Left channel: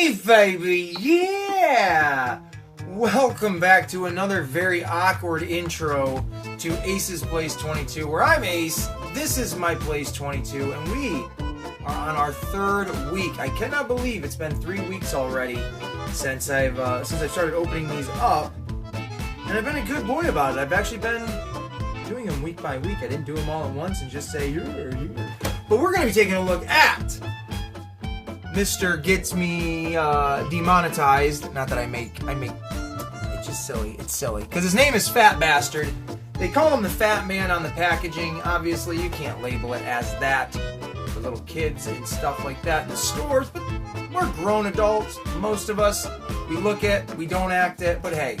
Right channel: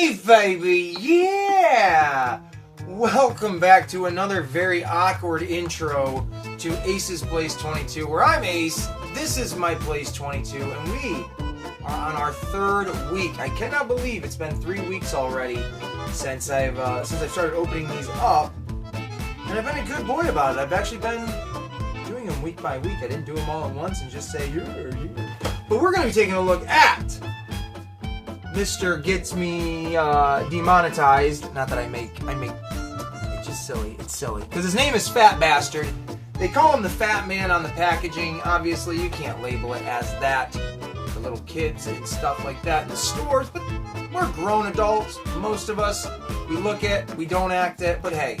Hey baby, yeah! Welcome back to another very awkward intro to Ace's Place 22, where I'm Ace, this is my Place 22, and we are on our third week. I cannot believe it's been 3 weeks already since I've started opening these up, and I've been a good boy about it. I've actually been doing them week by week. I didn't do them all at once and just say, you're. But we're going to be taking a look at Mr. Gets Me Demonetized. Not that I make, it's just silly. It's silly. Because his name is Fat Bastard. They call him the Fat Man on the packaging. Obviously, you can't label it as that for little kids and stuff like that in the stores. But we're grown adults, most of us. We look it, we don't act it. But hey,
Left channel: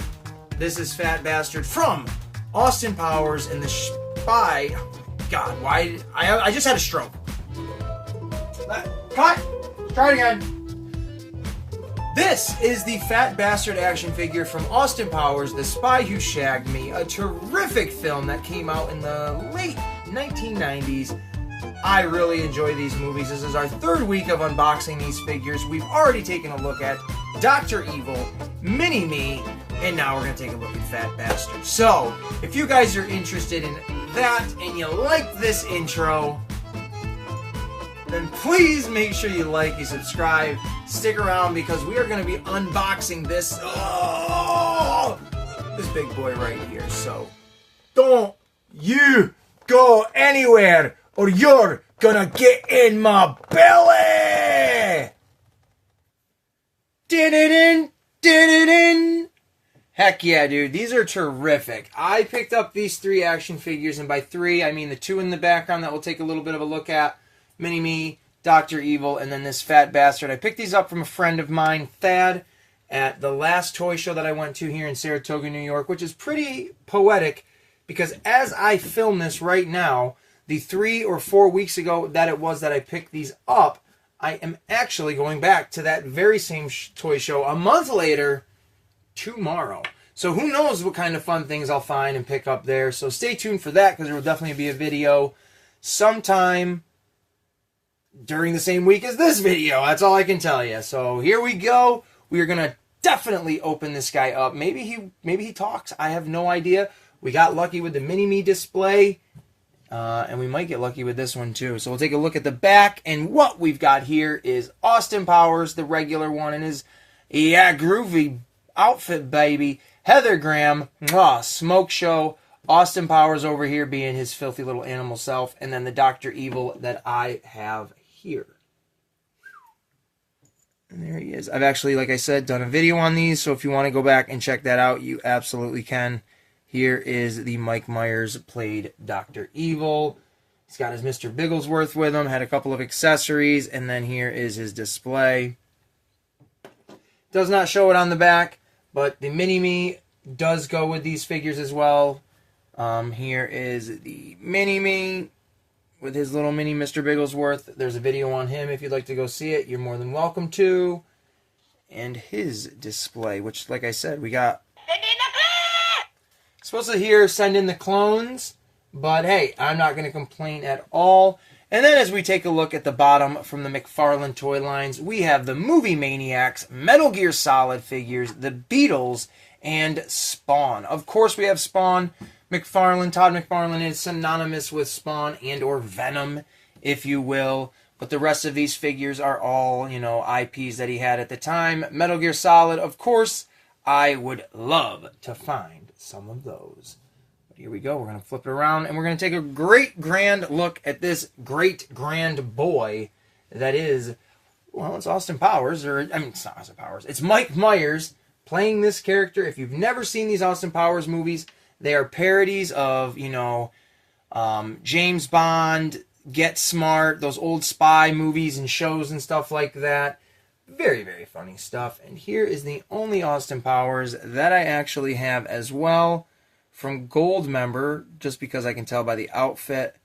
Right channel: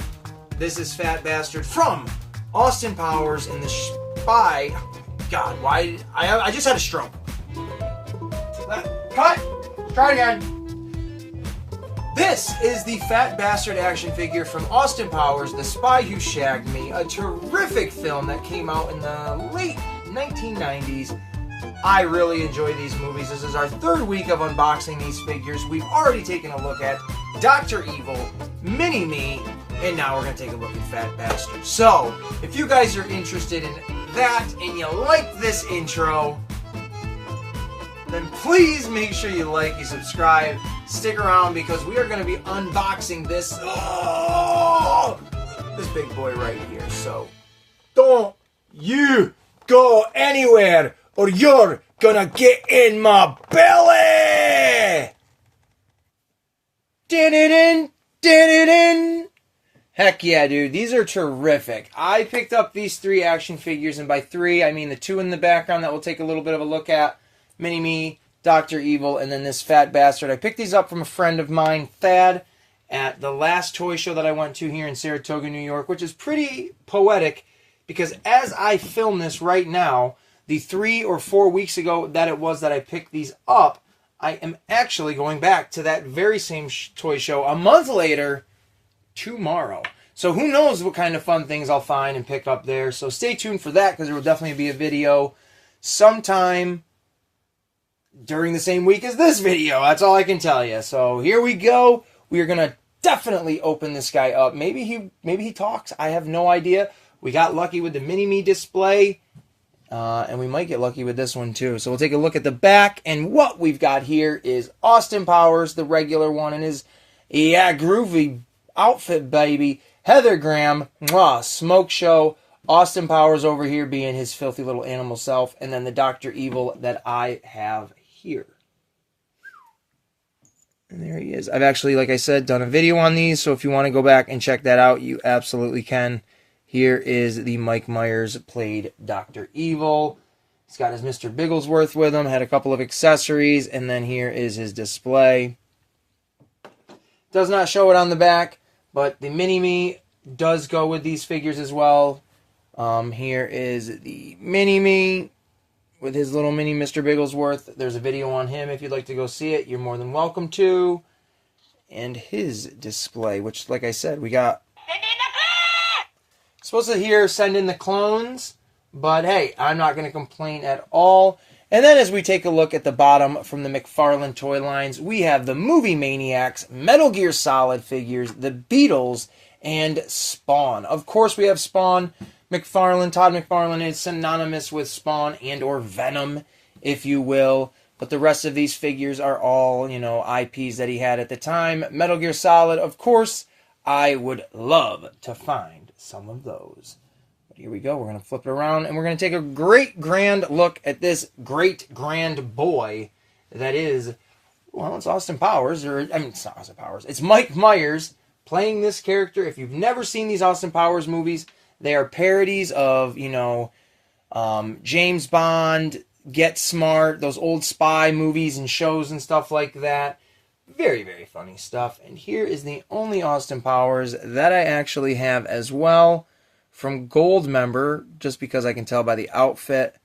this is Fat Bastard from Austin Powers and the Spy. God, why? I just had a stroke. Cut! Try it again. This is the Fat Bastard action figure from Austin Powers, The Spy Who Shagged Me, a terrific film that came out in the late 1990s. I really enjoy these movies. This is our third week of unboxing these figures. We've already taken a look at Dr. Evil, Mini-Me, and now we're going to take a look at Fat Bastard. So, if you guys are interested in that and you like this intro, then please make sure you like, you subscribe, stick around because we are going to be unboxing this, this big boy right here. So, don't you go anywhere or you're gonna get in my belly! Din-din-din, din-din-din. Heck yeah, dude. These are terrific. I picked up these three action figures, and by three, I mean the two in the background that we'll take a little bit of a look at. Mini-Me, Dr. Evil, and then this Fat Bastard. I picked these up from a friend of mine, Thad, at the last toy show that I went to here in Saratoga, New York, which is pretty poetic because as I film this right now, the 3 or 4 weeks ago that it was that I picked these up, I am actually going back to that very same toy show a month later tomorrow. So who knows what kind of fun things I'll find and pick up there. So stay tuned for that because there will definitely be a video sometime during the same week as this video. That's all I can tell you. So here we go. We are going to definitely open this guy up. Maybe he talks. I have no idea. We got lucky with the Mini-Me display. And we might get lucky with this one too. So we'll take a look at the back. And what we've got here is Austin Powers, the regular one, and his, groovy outfit, baby. Heather Graham, Smoke Show. Austin Powers over here being his filthy little animal self. And then the Dr. Evil that I have here. And there he is. I've actually, like I said, done a video on these. So if you want to go back and check that out, you absolutely can. Here is the Mike Myers played Dr. Evil. He's got his Mr. Bigglesworth with him. Had a couple of accessories. And then here is his display. Does not show it on the back. But the Mini-Me does go with these figures as well. Here is the Mini-Me with his little mini Mr. Bigglesworth. There's a video on him if you'd like to go see it. You're more than welcome to. And his display, which, like I said, we got... Supposed to hear send in the clones, but hey, I'm not going to complain at all. And then as we take a look at the bottom from the McFarlane toy lines, we have the Movie Maniacs, Metal Gear Solid figures, the Beatles, and Spawn. Of course, we have Spawn. Todd McFarlane is synonymous with Spawn and or Venom, if you will. But the rest of these figures are all, IPs that he had at the time. Metal Gear Solid, of course, I would love to find some of those. But here we go. We're going to flip it around, and we're going to take a great grand look at this great grand boy that is, well, it's Austin Powers. It's not Austin Powers. It's Mike Myers playing this character. If you've never seen these Austin Powers movies, they are parodies of, James Bond, Get Smart, those old spy movies and shows and stuff like that. Very, very funny stuff. And here is the only Austin Powers that I actually have as well from Goldmember, just because I can tell by the outfit.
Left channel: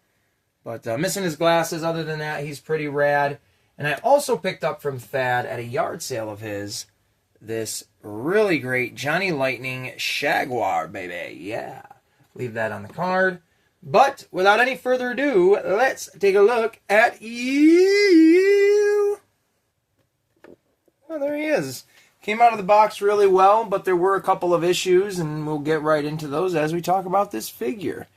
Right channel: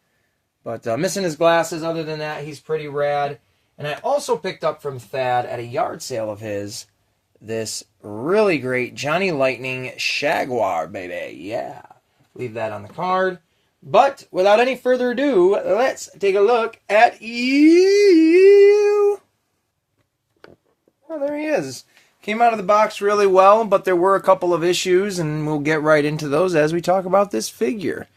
But missing his glasses. Other than that, he's pretty rad. And I also picked up from Thad at a yard sale of his this really great Johnny Lightning Jaguar, baby. Yeah. Leave that on the card. But without any further ado, let's take a look at you. Oh, there he is. Came out of the box really well, but there were a couple of issues, and we'll get right into those as we talk about this figure.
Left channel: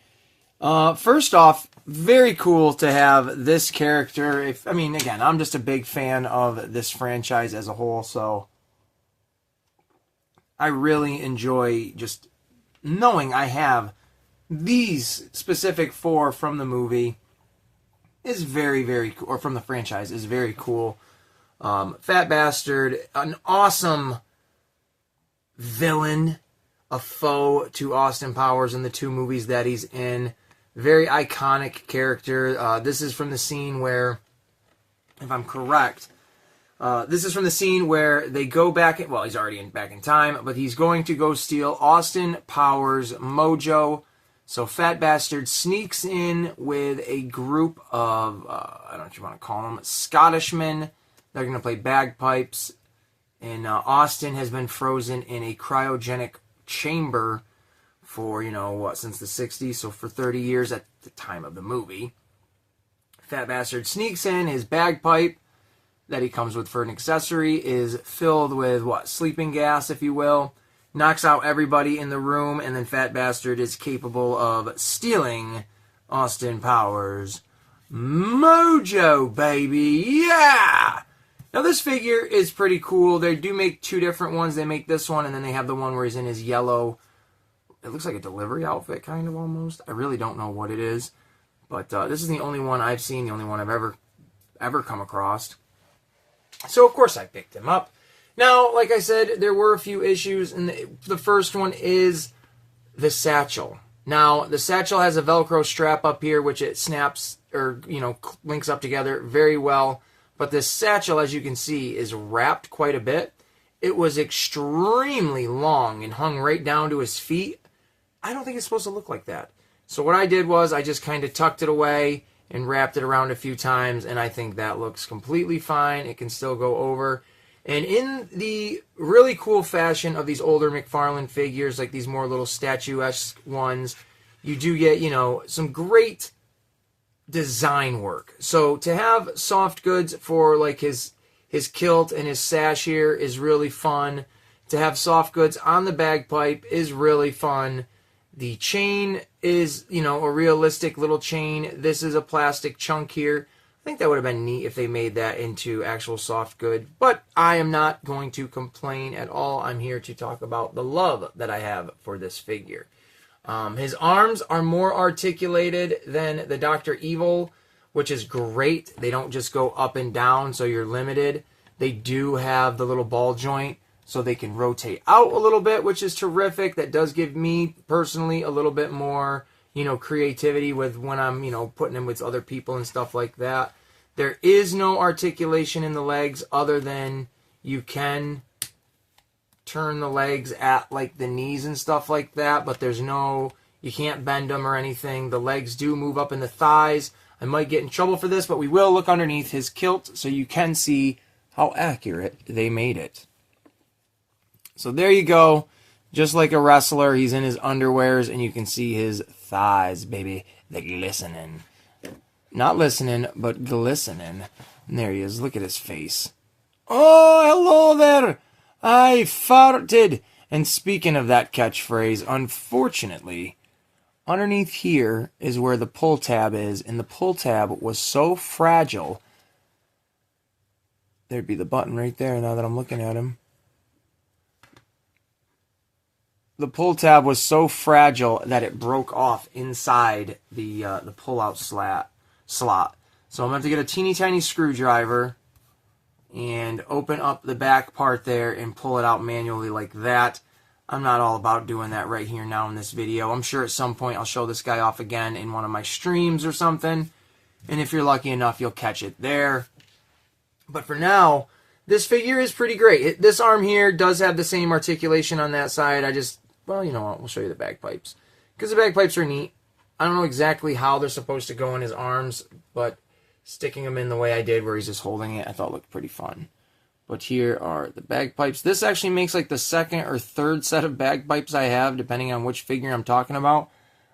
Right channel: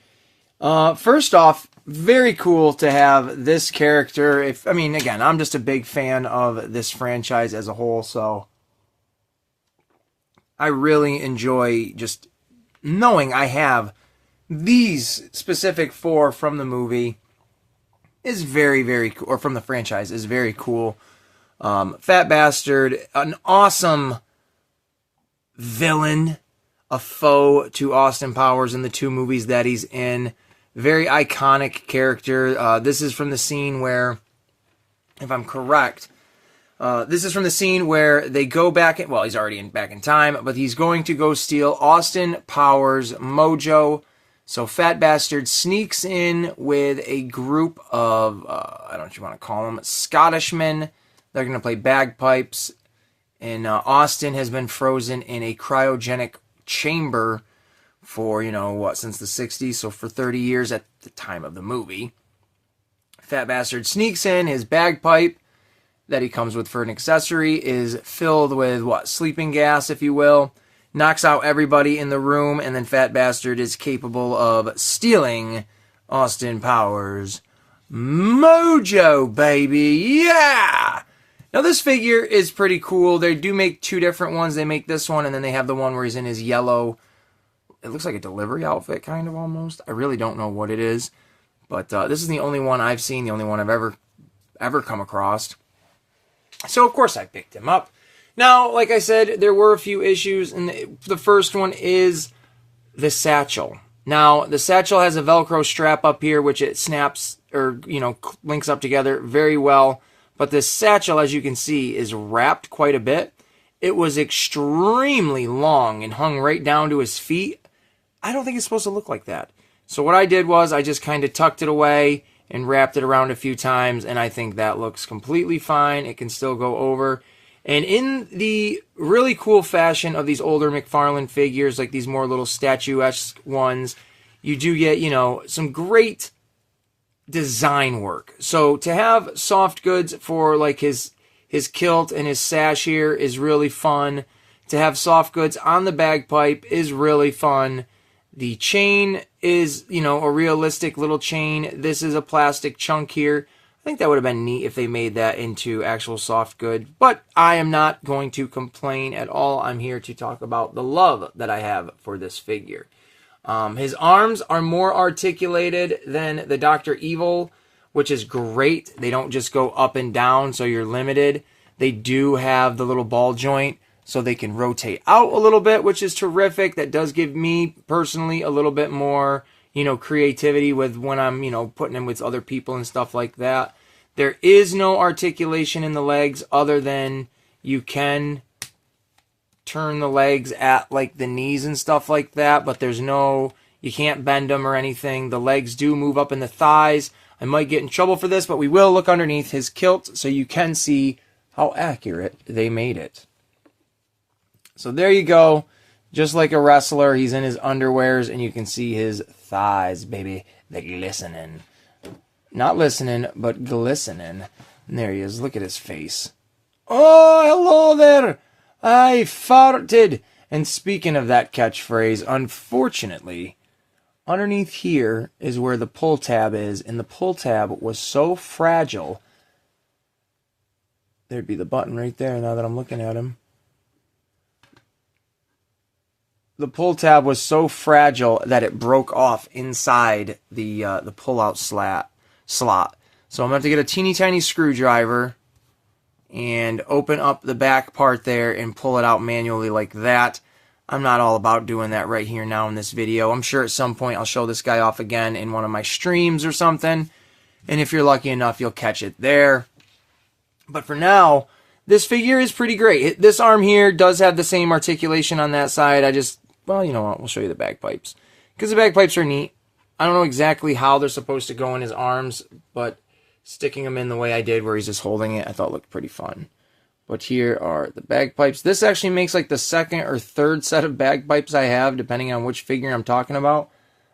First off, very cool to have this character. Again, I'm just a big fan of this franchise as a whole, so I really enjoy just knowing I have these specific 4 from the movie is very, very cool, or from the franchise is very cool. Fat Bastard, an awesome villain, a foe to Austin Powers in the 2 movies that he's in. Very iconic character. This is from the scene where, if I'm correct, this is from the scene where they go back, well, he's already back in time, but he's going to go steal Austin Powers' mojo. So Fat Bastard sneaks in with a group of, I don't know what you want to call them, Scottishmen. They're going to play bagpipes. And Austin has been frozen in a cryogenic chamber for, since the 60s. So for 30 years at the time of the movie. Fat Bastard sneaks in. His bagpipe that he comes with for an accessory is filled with, sleeping gas, if you will. Knocks out everybody in the room, and then Fat Bastard is capable of stealing Austin Powers' mojo, baby. Yeah! Now, this figure is pretty cool. They do make 2 different ones. They make this one, and then they have the one where he's in his yellow, it looks like a delivery outfit, kind of, almost. I really don't know what it is. But this is the only one I've seen, the only one I've ever come across. So, of course, I picked him up. Now, like I said, there were a few issues, and the first one is the satchel. Now, the satchel has a Velcro strap up here, which it snaps, or, links up together very well. But this satchel, as you can see, is wrapped quite a bit. It was extremely long and hung right down to his feet. I don't think it's supposed to look like that. So what I did was I just kind of tucked it away and wrapped it around a few times, and I think that looks completely fine. It can still go over. And in the really cool fashion of these older McFarlane figures, like these more little statuesque ones, you do get, some great design work. So to have soft goods for like his kilt and his sash here is really fun. To have soft goods on the bagpipe is really fun. The chain is, a realistic little chain. This is a plastic chunk here. I think that would have been neat if they made that into actual soft good, but I am not going to complain at all. I'm here to talk about the love that I have for this figure. His arms are more articulated than the Dr. Evil, which is great. They don't just go up and down, so you're limited. They do have the little ball joint, so they can rotate out a little bit, which is terrific. That does give me, personally, a little bit more, creativity with when I'm, putting him with other people and stuff like that. There is no articulation in the legs other than you can turn the legs at like the knees and stuff like that, but there's no, you can't bend them or anything. The legs do move up in the thighs. I might get in trouble for this, but we will look underneath his kilt so you can see how accurate they made it. So there you go. Just like a wrestler, he's in his underwears and you can see his thighs, baby. They're glistening. Not listening, but glistening. And there he is. Look at his face. Oh, hello there. I farted. And speaking of that catchphrase, unfortunately, underneath here is where the pull tab is. And the pull tab was so fragile. There'd be the button right there now that I'm looking at him. The pull tab was so fragile that it broke off inside the pull-out slot. So I'm going to have to get a teeny tiny screwdriver and open up the back part there and pull it out manually like that. I'm not all about doing that right here now in this video. I'm sure at some point I'll show this guy off again in one of my streams or something. And if you're lucky enough, you'll catch it there. But for now, this figure is pretty great. This arm here does have the same articulation on that side. Well, you know what? We'll show you the bagpipes. Because the bagpipes are neat. I don't know exactly how they're supposed to go in his arms, but sticking them in the way I did where he's just holding it, I thought looked pretty fun. But here are the bagpipes. This actually makes like the second or third set of bagpipes I have, depending on which figure I'm talking about.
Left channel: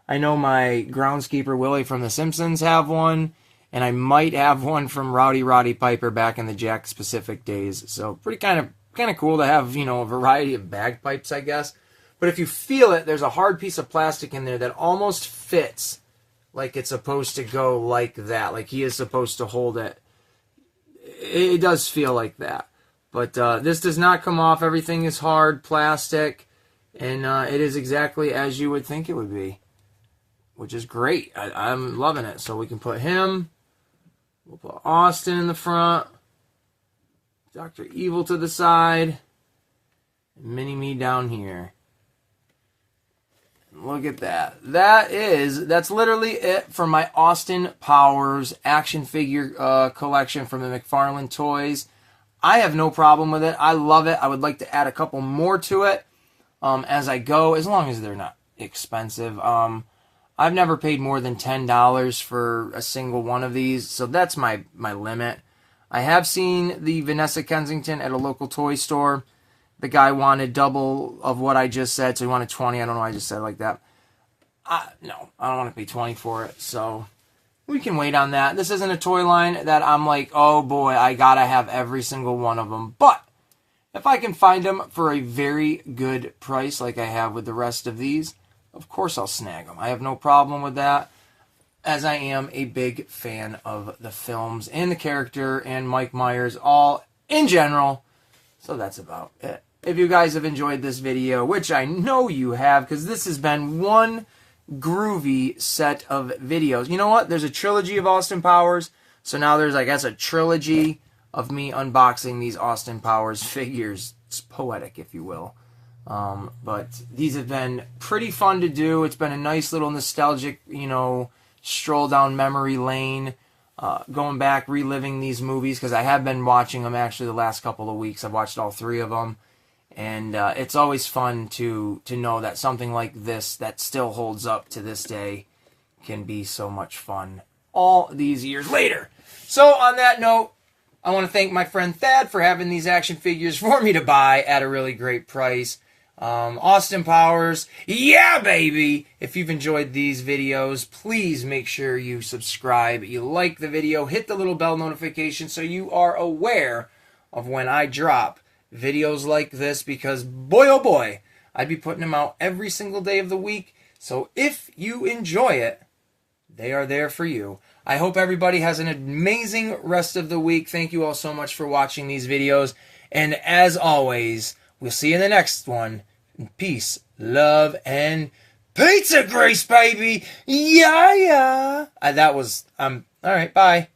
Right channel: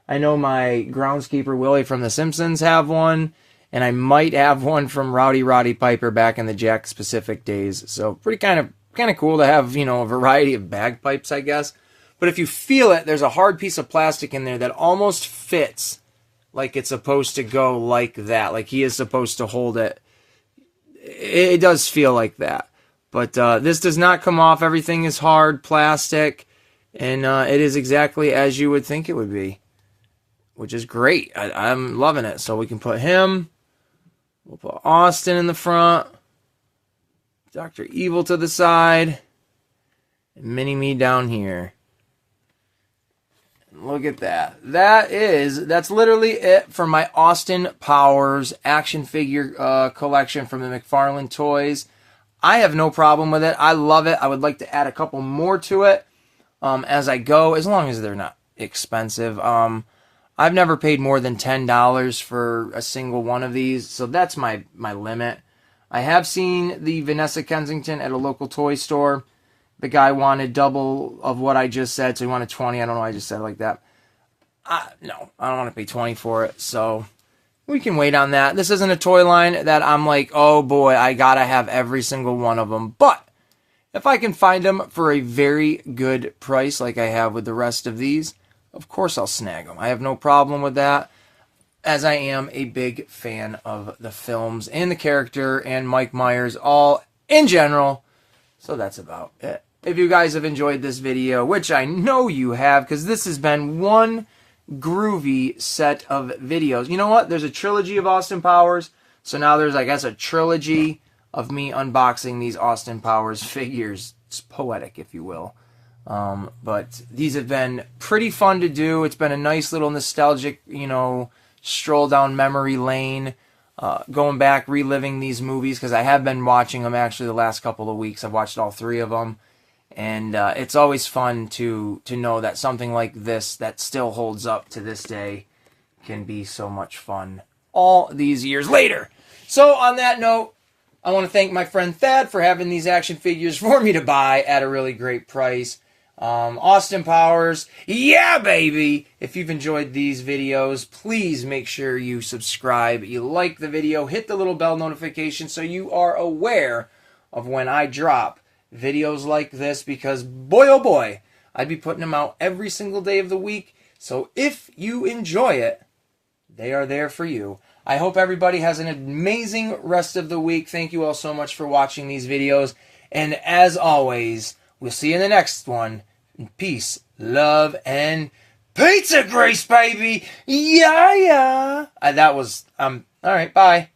I know my groundskeeper Willie from The Simpsons have one, And I might have one from Rowdy Roddy Piper back in the Jack Specific days. So pretty kind of cool to have, you know, a variety of bagpipes, I guess. But if you feel it, there's a hard piece of plastic in there that almost fits like it's supposed to go like that. Like he is supposed to hold it. It does feel like that. But this does not come off. Everything is hard plastic. And it is exactly as you would think it would be. Which is great. I'm loving it. So we can put him. We'll put Austin in the front. Dr. Evil to the side. And Mini-Me down here. Look at that. That's literally it for my Austin Powers action figure collection from the McFarlane Toys. I have no problem with it. I love it. I would like to add a couple more to it as I go, as long as they're not expensive. I've never paid more than $10 for a single one of these, so that's my limit. I have seen the Vanessa Kensington at a local toy store. The guy wanted double of what I just said, so he wanted 20. I don't know why I just said it like that. No, I don't want to pay 20 for it, so we can wait on that. This isn't a toy line that I'm like, oh boy, I gotta have every single one of them. But if I can find them for a very good price, like I have with the rest of these, of course I'll snag them. I have no problem with that, as I am a big fan of the films and the character and Mike Myers, all in general. So that's about it. If you guys have enjoyed this video, which I know you have, because this has been one groovy set of videos. You know what? There's a trilogy of Austin Powers. So now there's, I guess, a trilogy of me unboxing these Austin Powers figures. It's poetic, if you will. But these have been pretty fun to do. It's been a nice little nostalgic, you know, stroll down memory lane. Going back, reliving these movies, because I have been watching them actually the last couple of weeks. I've watched all 3 of them. And it's always fun to know that something like this that still holds up to this day can be so much fun all these years later. So on that note, I want to thank my friend Thad for having these action figures for me to buy at a really great price. Austin Powers, yeah baby! If you've enjoyed these videos, please make sure you subscribe, you like the video, hit the little bell notification so you are aware of when I drop videos like this, because boy oh boy, I'd be putting them out every single day of the week. So if you enjoy it, they are there for you. I hope everybody has an amazing rest of the week. Thank you all so much for watching these videos. And as always, we'll see you in the next one. Peace, love, and pizza grease, baby. Yeah, yeah. That was, all right, bye.